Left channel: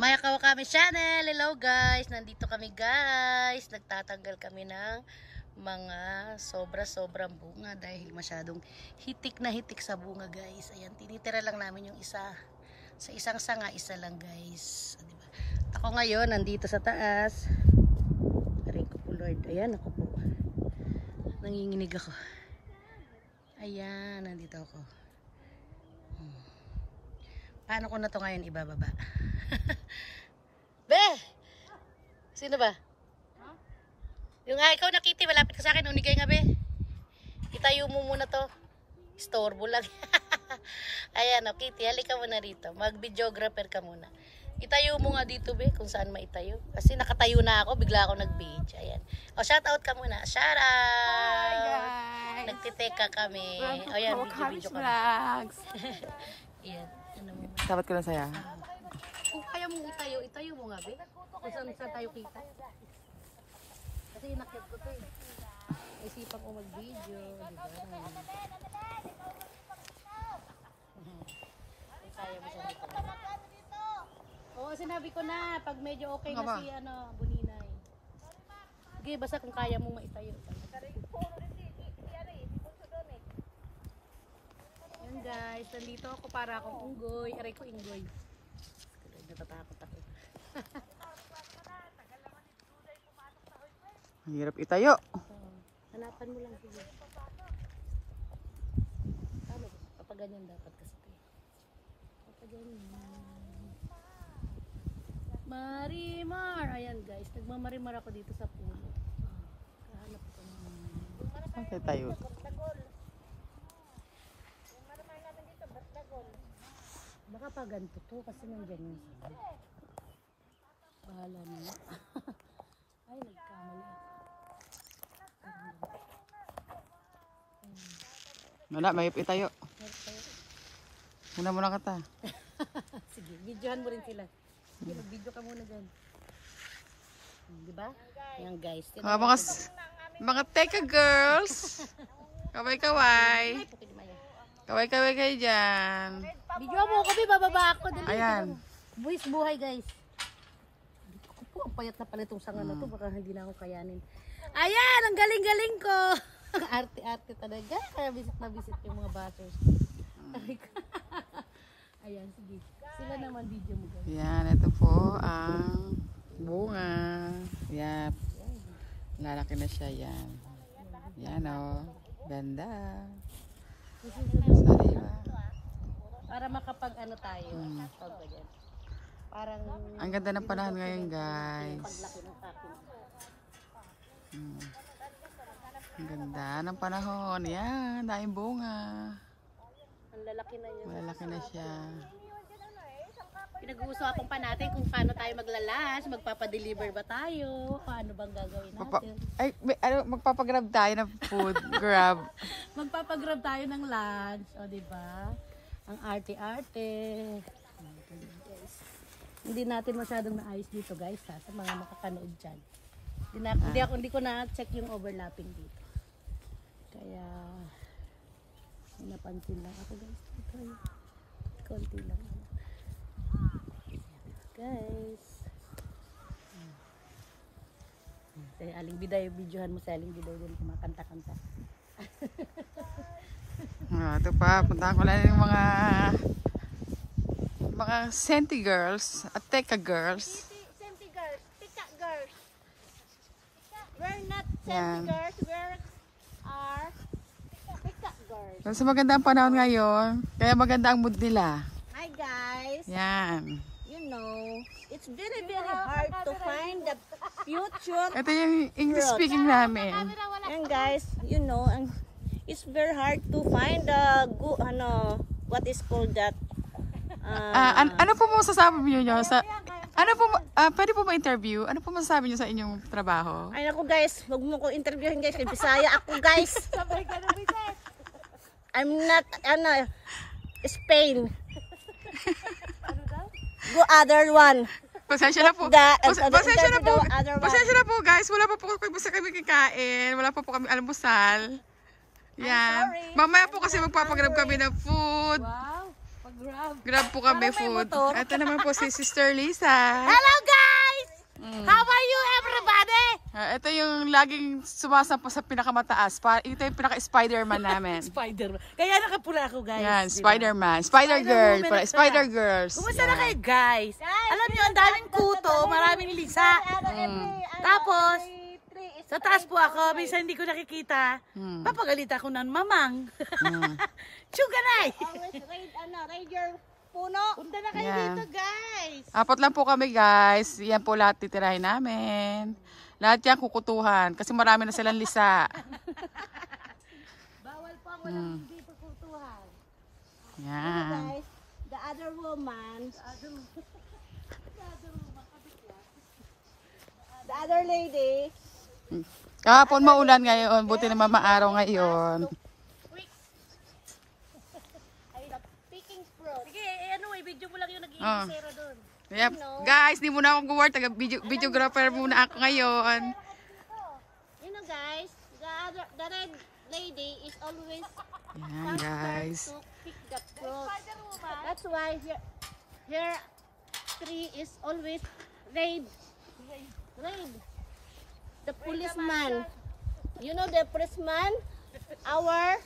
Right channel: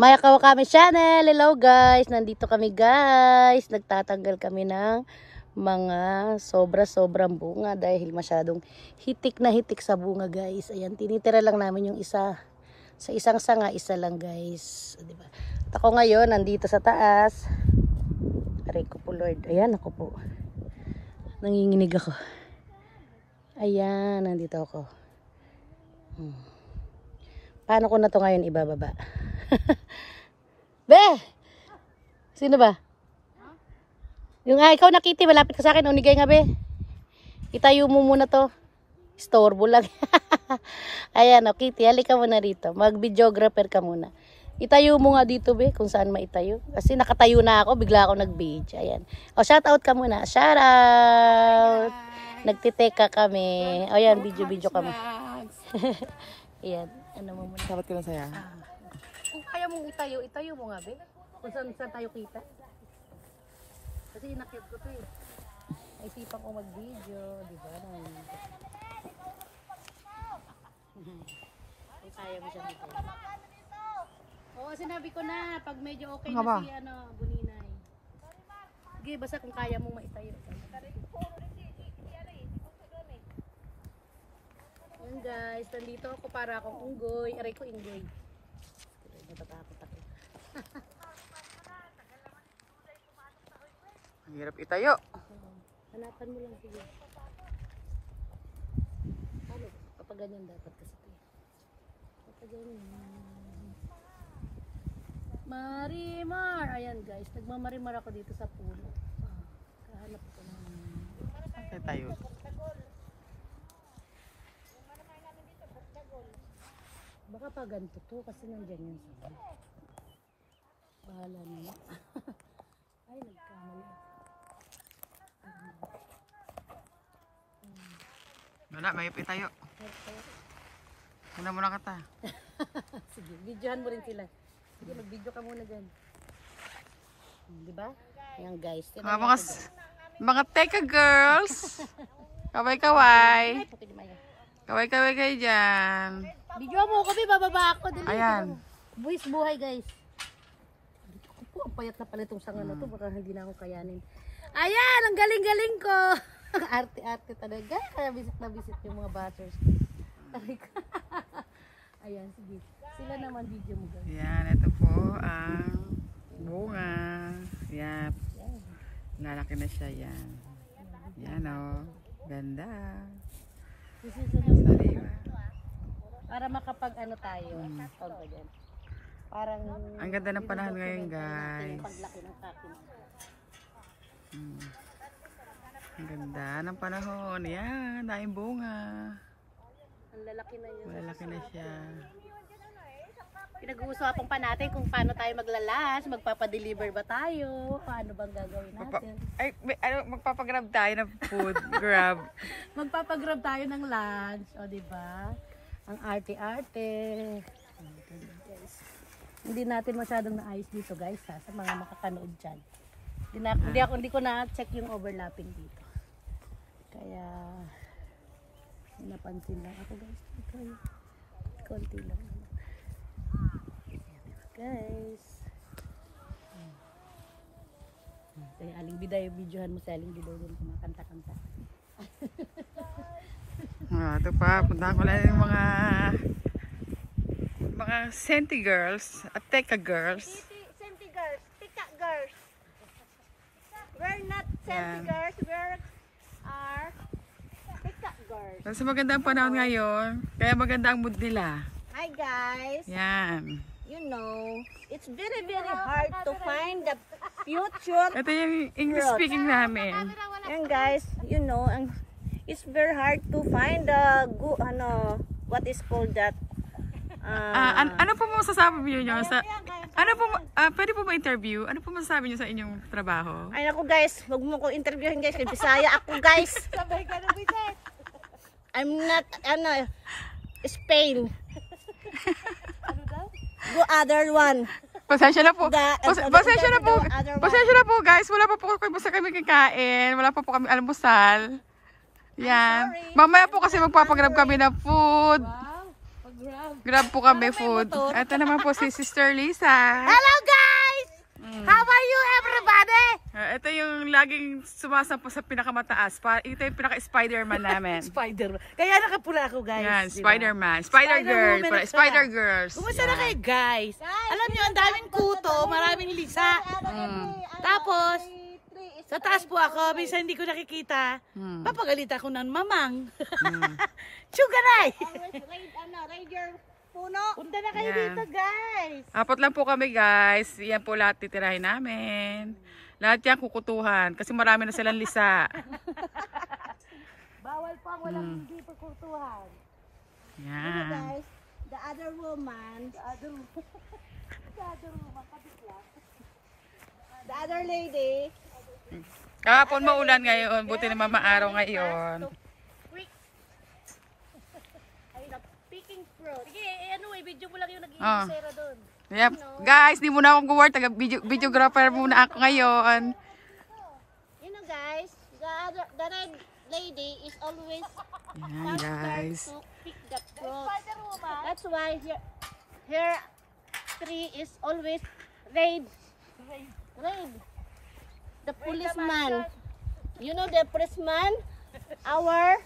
Maya Kawakami Channel. Hello guys. Nandito kami guys. Nagtatanggal kami ng mga sobrang bunga dahil masyadong hitik na hitik sa bunga guys. Ayan, tinitira lang namin yung isa. Sa isang sanga, isa lang guys. Diba? At ako ngayon, nandito sa taas. Aray ko po Lord. Ayan ako po. Nanginginig ako. Ayan, nandito ako. Paano ko na to ngayon ibababa? Be! Sino ba? Yung ikaw nakiti, malapit ka sa akin. Unigay nga be. Itayo mo muna to. Storbo lang. Ayan o, Kitty, halika muna rito. Mag-videographer ka muna. Itayo mo nga dito be, kung saan maitayo. Kasi nakatayo na ako, bigla ako nag-beach. Ayan. O, shout out ka muna. Shout out! Nagtiteka kami. O yan, video kami. Ayan. Ano mo muna? Sabat ko na saya. Kung kaya mong itayo mo nga be. Kung saan tayo kita. Kasi nakit ko to eh. Isipan ko mag-video, di ba? Kung kaya mo siya dito. Oo, sinabi ko na, pag medyo okay na si Bonina eh. Sige, basta kung kaya mong maitayo. Yan guys, nandito ako para akong unggoy. Aray ko unggoy. Natatakot ako. Hirap itayo. Hanapan mo lang sige. Paano? Papaganyan dapat kasi ito. Papaganyan. Marimar! Ayan guys, nagmamarimar ako dito sa puno. Kahanap ko ng... Saan tayo? Baka pa ganito to kasi nandyan yun sa... Bahala na. Ay, nagkamali ako. Wala, mayip itayo. Muna kata. Sige, videohan mo rin sila. Sige, mag-video ka muna dyan. Diba? Ayan guys. Mga teka girls. Kaway-kaway. Kaway-kaway kayo dyan. Video mo ko, bababa ako. Dali, ayan. Buwis buhay guys. Dito ko po, ang payat na pala itong sanga na to. Baka hindi na ako kayanin. Ayan, ang galing-galing ko. Arte-arte talaga. Kaya visit na visit yung mga bashers. Ayan, sige. Sila naman video mo guys. Yan, ito po ang bunga. Yan. Lalaki na siya yan. Yan o. Ganda. Sariwa. Para makapag ano tayo. Parang... Ang ganda ng panahon ngayon guys. Ang ganda ng panahon. Yan, daing bunga. Ang lalaki na yun. Malalaki na siya. Pinag-uusapan pa natin kung paano tayo maglalas, magpapadeliver ba tayo, paano bang gagawin natin. Magpapagrab tayo ng food, grab. Magpapagrab tayo ng lunch, o diba? Ang arte-arte. Hindi natin masyadong naayos dito guys ha, sa mga makakanood dyan. Hindi ko na-check yung overlapping dito. Kaya, napansin lang ako guys. Ito yun. Konti lang naman. Guys. Aling Biday, videohan mo sa Aling Biday din kumakanta-kanta. Ito pa, puntahan ko lang yung mga Senti girls at Teka girls. Senti girls, Teka girls. We're not Senti girls, we are Teka girls. Kasi maganda ang panahon ngayon, kaya maganda ang mood nila. Hi guys. Yan. You know, it's very hard to find the future. Ito yung English speaking namin. And guys, you know, it's very hard to find the what is called that. Ano po masasabi niyo sa pwede po ba interview? Ano po masasabi niyo sa inyong trabaho? Ay naku guys, wag mo ko interviewin guys, kay Bisaya ako guys. I'm not Spain. Go other one. Pasensya na po. Pasensya na po guys. Wala pa po kami kakain. Wala pa po kami almusal. Yan. Mamaya po kasi magpapagrab kami ng food. Wow. Grab po kami Parang may food. motor. Ito naman po si Sister Lisa. Hello guys! How are you everybody? Ito yung laging sumasampo sa pinakamataas. Ito yung pinaka-Spider-Man namin. Spider-Man. Kaya nakapula ako guys. Yan, di ba? Spider-Man. Spider-Girl. Spider-Woman ito. Spider-Girls. Kumusta na kayo guys? Alam nyo, ang daming kuto, maraming lisa. Tapos, sa taas po ako, minsan hindi ko nakikita. Papagalita ako ng mamang. Sugaray! Punta na kayo Yan. dito guys. Apat lang po kami guys. Yan po lahat titirahin namin. Lahat yan kukutuhan. Kasi marami na silang lisa. Bawal pa, walang hindi pagkutuhan. Yan. Guys, the other woman, the other lady, Kahapon maulan ngayon. Buti naman maaraw ngayon. Sige, ano video mo lang yung Oh. nag-iisero doon. Yep. Guys, di muna akong guward. Videographer muna ako ngayon. you know guys, the red lady is always Yan guys. to pick the clothes. That's why her tree is always red. The policeman. You know the policeman? Our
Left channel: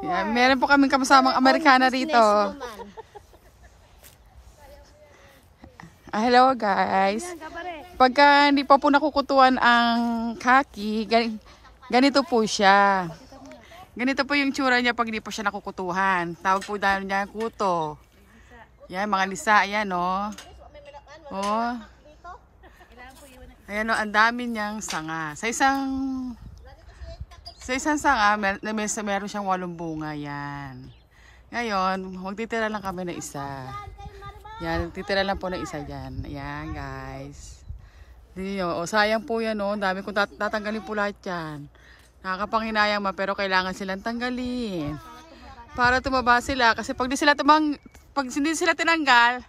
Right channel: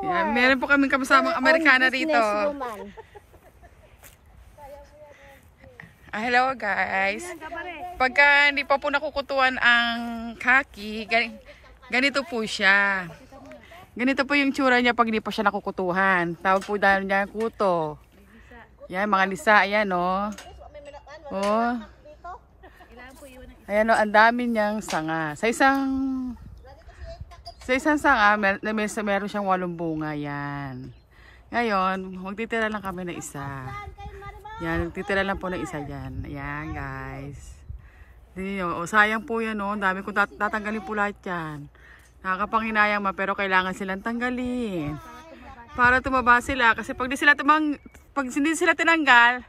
Yan. Meron po kaming kasamang Amerikana rito. businesswoman. Hello guys. Pagka hindi pa po nakukutuan ang kaki, ganito po siya. Ganito po yung tsura niya pag hindi pa siya nakukutuhan. Tawag po dahil niya kuto. Yan, mga lisa. Ayan o. Oh. Ayan o, ang dami niyang sanga. Sa isang sanga, meron siyang 8 bunga. Yan. Ngayon, magtitira lang kami ng isa. Yan, titira lang po ng isa dyan. Ayan, guys. Hindi nyo, sayang po yan, oh. Dami kong tatanggalin po lahat yan. Nakakapanghinayang pero kailangan silang tanggalin. Para tumaba sila. Kasi pag hindi sila tinanggal,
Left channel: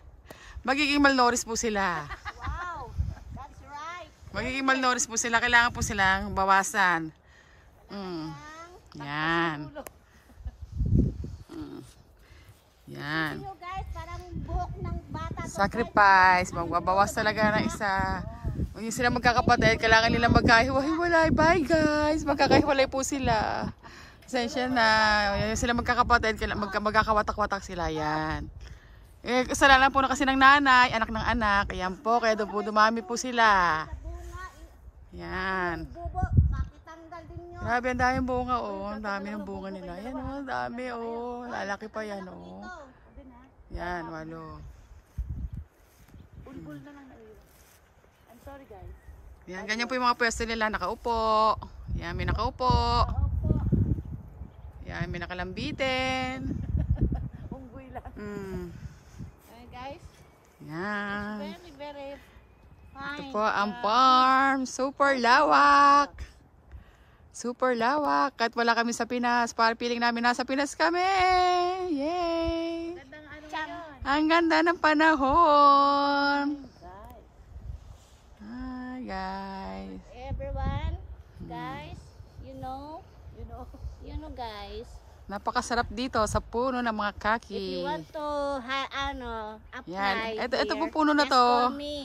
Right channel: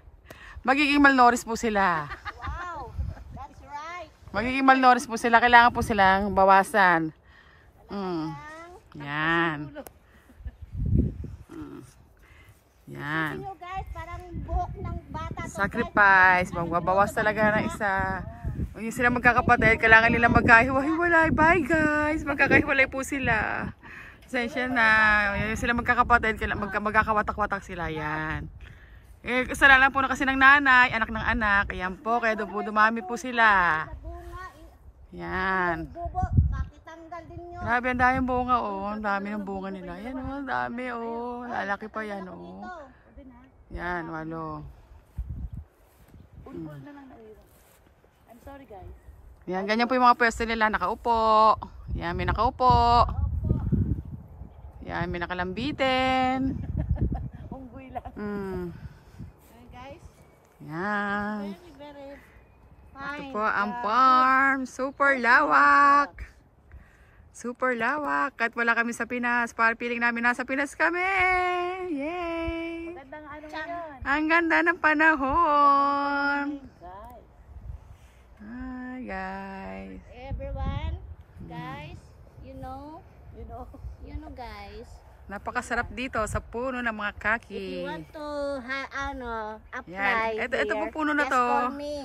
magiging malnourished po sila. Magiging malnourished po sila. Kailangan po silang bawasan. Yan. Yan. Sacrifice. Magbabawas talaga ng isa. Kung yung sila magkakapatid, kailangan nila magkahiwa-hiwalay. Bye guys! Magkakahiwalay po sila. Pasensya na. Yung sila magkakapatid, magkakawatak-watak sila. Yan. Kasalanan po na kasi ng nanay, anak ng anak. Ayan po, kaya po dumami po sila. Yan. Grabe, ang daming bunga oh. Ang dami ng bunga nila. Yan oh, ang dami oh. Lalaki pa yan oh. Yan, 8. Yan, ganyan po yung mga pwesto nila. Nakaupo. Yan, may nakaupo. Yan, may nakalambitin. Guys, Yan. very Ito fine. po ang farm. Super lawak. Super lawak. Kahit wala kami sa Pinas. Para piling namin nasa Pinas kami. Yay! Ang ganda ng panahon. Hi guys. Everyone, guys, you know guys, Napakasarap dito sa puno ng mga if you kaki. want to Yan. apply Ito here, po puno na just to. call me.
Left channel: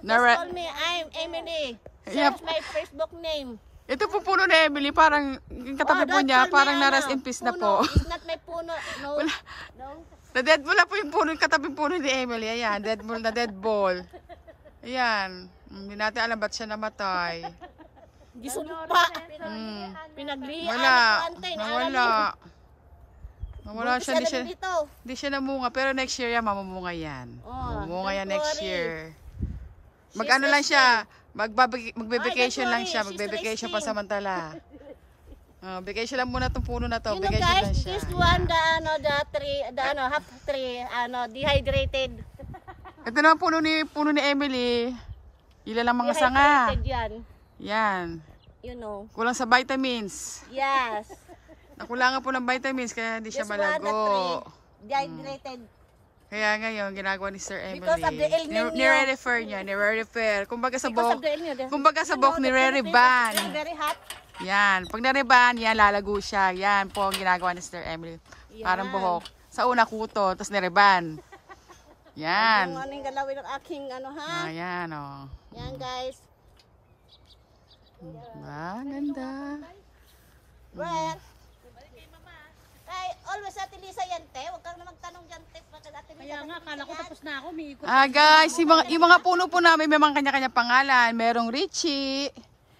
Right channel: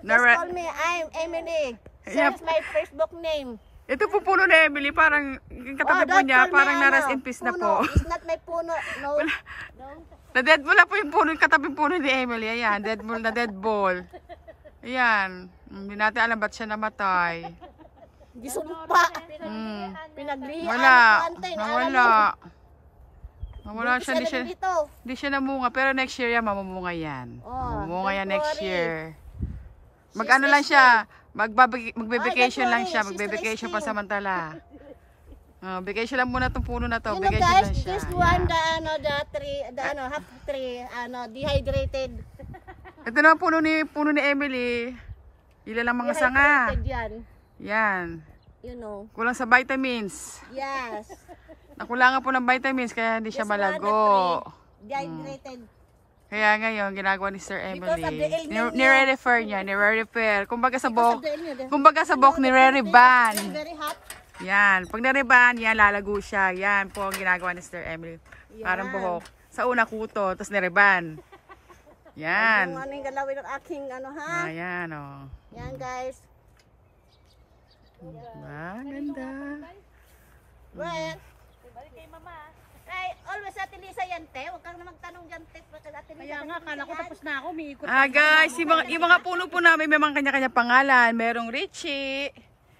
Nara- Call me, I'm Emily. Yep. Search my Facebook name. Ito po puno ni Emily. Parang yung katabi po don't niya. call me, Parang na-rest in peace na puno. po. It's not my puno. No. Na-dead ball na po yung puno. Yung katabing puno ni Emily. Ayan. Dead ball na dead ball. Ayan. Hindi natin alam ba't siya namatay. Gisumpa. Pinaglihan. Wala. Antay, Nawala. Nawala siya. dito. Hindi siya namunga. Pero next year yan, mamumunga yan. Oh, Mamumunga yan don't next worry. year. Mag-ano lang siya. Magbe-vacation Ay, lang don't siya. worry, Magbe-vacation she's pa samantala. Vacation lang muna itong puno na to. You know Vacation guys, lang siya. this one, Yeah. the tree, half tree, dehydrated. Ito naman puno ni Emily. Ilan lang mga sanga. Dehydrated yan. Yan. You know. Kulang sa vitamins. Yes. Nakulangan po ng vitamins kaya hindi siya This one, the malago. tree, dehydrated. Kaya ngayon, ginagawa ni Sir Emily. Because of the El Nino. Nire-refer niya. Nire-refer. Kumbaga sa Because buhok. of the El Nino. Kumbaga sa buhok, nire-reban. Very hot. Yan. Pag nariban, yan, lalago siya. Yan po ang ginagawa ni Sir Emily. Parang Yan. buhok. Sa una kuto, tapos nireban. Yan. Yung ano yung galawin ng aking ano ha. Ayan, oh. Yan guys. Ba, ganda. Well, ay, always Ate Lisa yan, te. Huwag kang na magtanong dyan, te. Ate Lisa, Kaya nga, kala ko tapos na ako. May ikot. Guys, yung mga puno po namin may mga kanya-kanya pangalan. Merong Richie,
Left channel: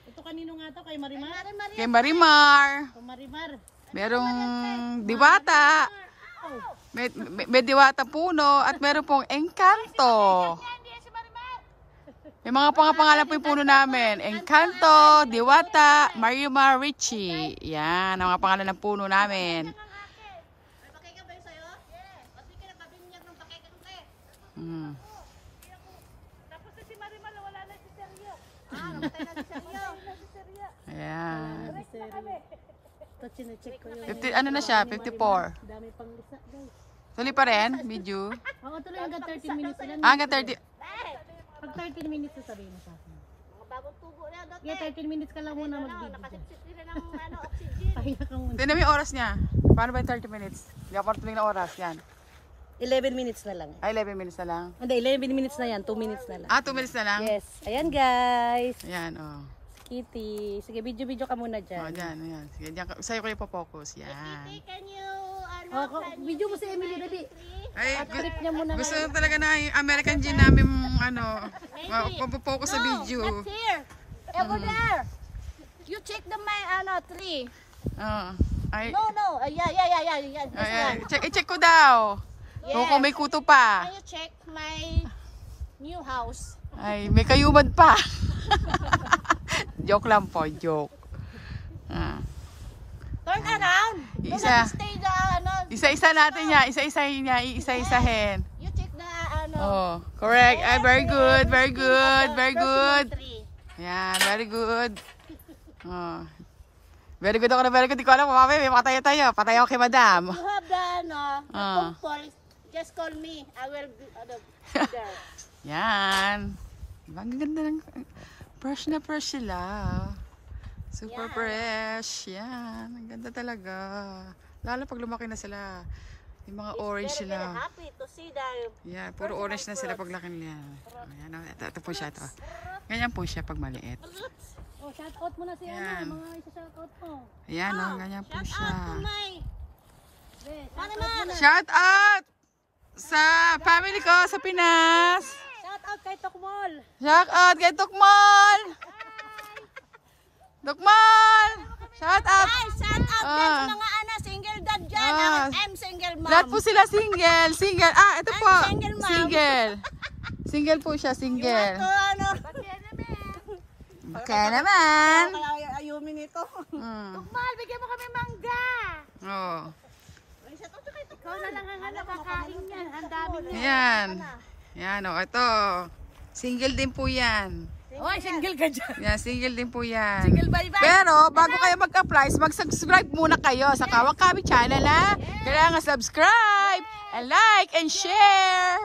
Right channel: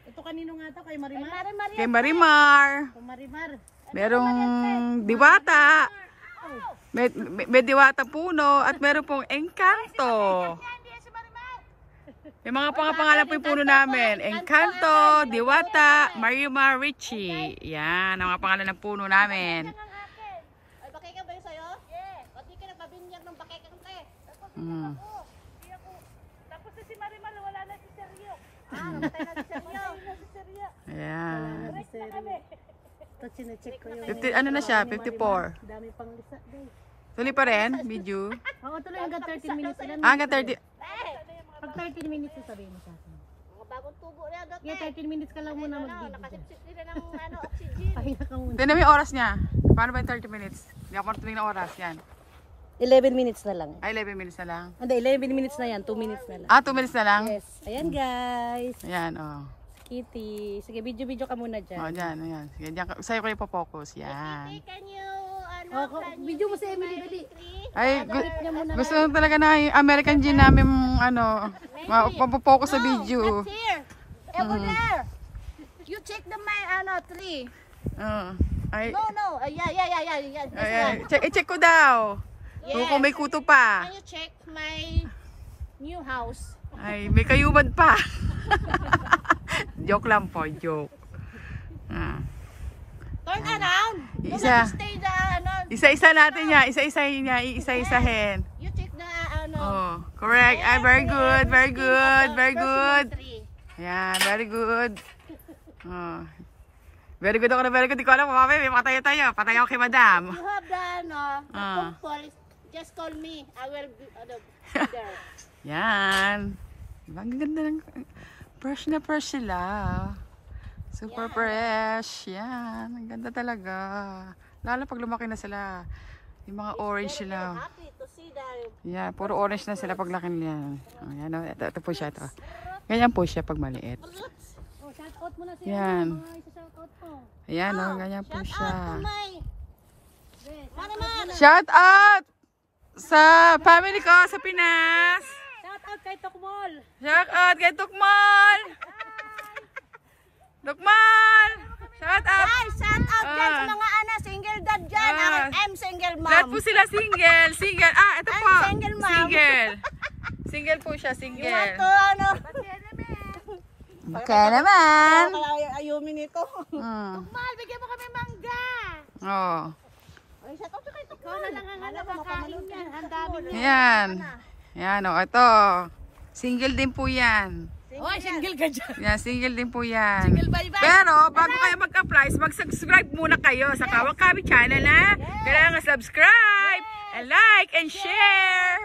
Ito kanino nga to? Kay Marimar? kay Marimar, Kay Marimar. merong Diwata, may Diwata puno, at meron pong Encanto. May mga pangalan po yung puno namin. Encanto, Diwata, Marimar, Richie. Yan, ang mga pangalan ng puno namin. ay, bakay ka ba yun sa'yo? Ba't di ka nagkabinyag ng bakay ka, te? Mm. Tapos si Marimar, wala na si Sergio. Ayan. Ito, sinecheck ko yung... 50, ano na siya? 54. Dami pang lisa, guys. Tuloy pa rin, video. Oo, tuloy hanggang 13 minutes. Ilan Hanggang 30. Pag 13 minutes na sabihin mo sa akin. Yeah, 13 minutes ka lang muna mag-video dyan. Pahinga ka muna. Tignan mo yung oras niya. Paano ba yung 30 minutes? Hindi ako marunong ng oras. Yan. 11 minutes na lang. Ay, 11 minutes na lang. Hindi, 11 minutes na yan. 2 minutes na lang. Ah, 2 minutes na lang? Yes. Ayan, guys. Ayan, oh. Kitty. Sige, video-video ka muna dyan. Oh, dyan, ayan. Sige, dyan, sa'yo ko ipopokus. Yan. Video mo si Emily, dali. Ay, gusto talaga na yung American Gin namin, ano, mapopokus sa video. Here. Over there. You check the my ano tree. Ay, No. Yeah. ay, i-check ko daw. Kung may kuto pa. Can you check my new house? Ay, may kayumad pa. Joke lang po, joke. Turn around. Isa. Stay the ano. Isa-isa natin niya. Isa-isahin niya. Iisa-isahin. You check the ano. Oh, correct. Ay, very good. Very good. Very good. Ayan, very good. Oh. Very good ako na very good. Di ko alam, mamaya may patay tayo. Patay ako kay madam. You have the ano. Call. Just call me. I will be there. Yan. Diba, ang ganda ng fresh na fresh sila. Super fresh. Yan. Ang ganda talaga. Lalo pag lumaki na sila. Yung mga orange sila. Happy to see them. Yan. Puro orange na sila pag laki nila. Ayan. Ito po siya. Ito. Ganyan po siya pag maliit. Oh, shoutout mo na si Yan. Shoutout mo. Ayan. Oh, ganyan po siya. Marimar. Shout out sa family ko sa Pinas. Shoutout kay Tokmol. Shout out kay Tukmol. Tukmol. Shout out. Guys, shout out dyan sa mga single dad dyan. I'm single mom. Lahat po sila single. Single. Ito po. single mom. Single. Single po siya. You Single. want to ano? Baka naman. Ayumin ito. Mal, bigyan mo kami mangga. Oh. Ikaw na lang ang nakakain yan. Ang dami niya. Yan. Yan o. Ito. Single din po yan. Oy, single ka dyan. Yan. Single din po yan. Single bye-bye. Pero, bago kayo mag-apply, mag-subscribe muna kayo sa Kawak Kami channel, ha? Kailangan subscribe, and like, and share.